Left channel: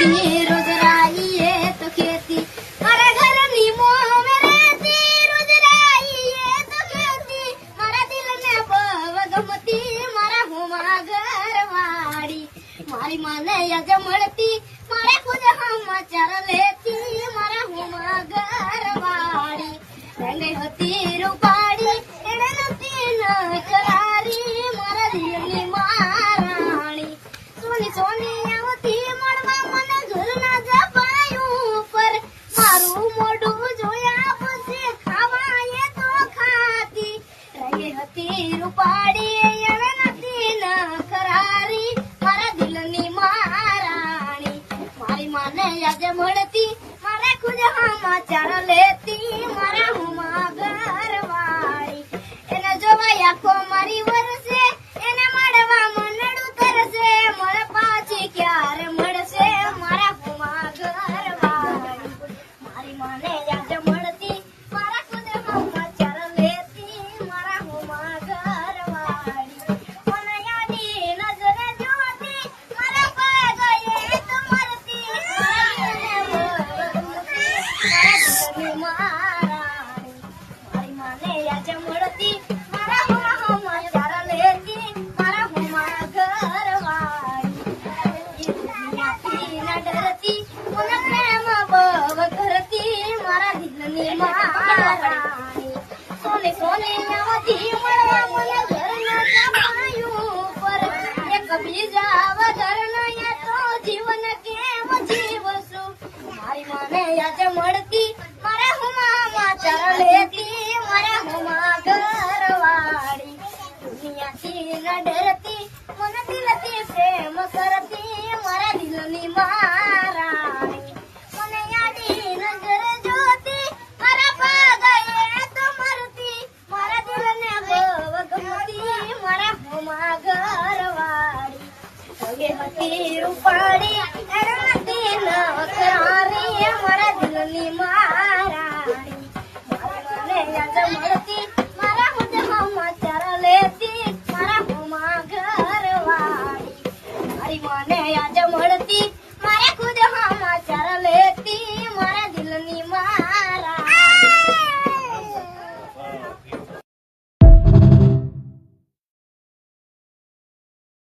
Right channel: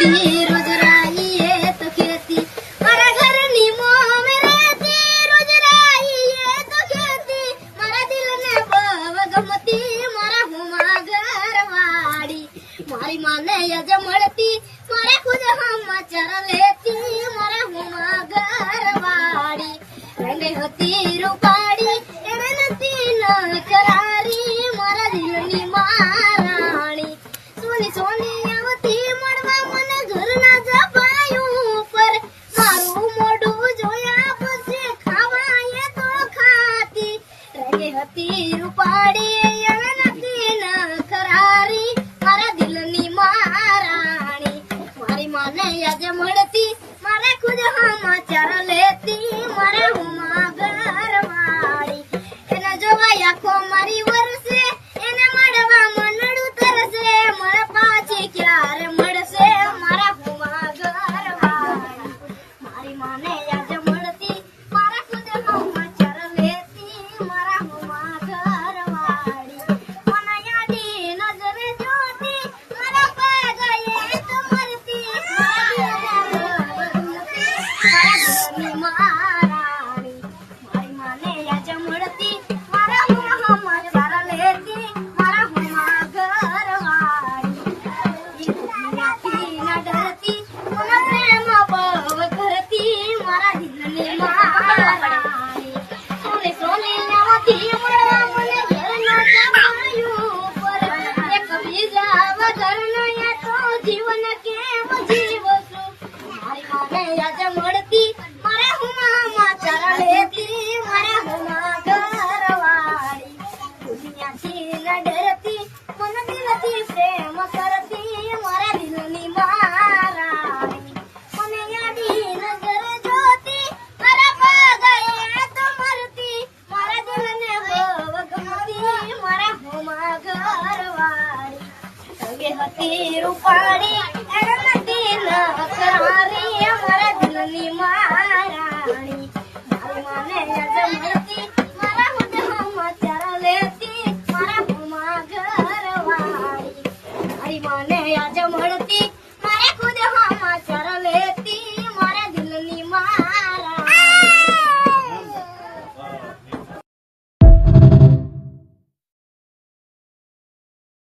रहती रोज राई ये तो खेती मारा घर नी मोह में रहती रोज राई ये तो खेती मारा दिल ने बव गमती मारा हुमा घरवाड़ी मारी माने यज मड़ती मारे खुद हम चर लेती मारा हुमा घरवाड़ी रंगे होती रूपाड़ी एने नती न करारी मारा दिल नी महाराणी सोनी सोनी आवती मड़वा मन घर ना जपाયું પર મારું મોઢું જોયા પછી ખાવાય તો ખાતી રંગે હતી રૂપાડી એણે નથી ન ખરારી મારા દિલની મહારાણી મારી માને યાદ મળતી મારે ખુદ સમાચાર લેતી મારા હુમા ઘરવાળી એના જોવા આખો મારી વરસે એને મળવા મનડું તરસે મળે પાછી ક્યારે મળશે મારા હુમા ઘરવાળી મારી માને યાદ મળતી મારા ખુદ સમાચાર લેતી મારા હુમા ઘરવાળી મને યાદી નજરે જોતી મારા પગે તો મરતી મહારાણી મારી માને યાદ મળતી મારા હુમા સમાચાર લેતી મારા હુમા ઘરવાળી ના ડરતી મને પ્રેમ બવ કરતી મારા દિલની મહારાણી સોને સોને આવતી મળવા મને ઘરના જમાયું પર એક બીજા વગરનો એ તો જીવન કેમ જીવશું મારી માને યાદ મળતી મારે હુમા સમાચાર લેતી મારે હુમા ઘરવાળી દુનિયાથી ન ડરતી મને દિલથી પ્રેમ કરતી મારા દિલની મહારાણી મને યાદી નજર જોતી મારા પગે તો મરતી મારા દિલને બવ ગમતી મારા હુમા ઘરવાળી રંગે હતી રૂપાળી એણે નથી ન કરારી મારા દિલની મહારાણી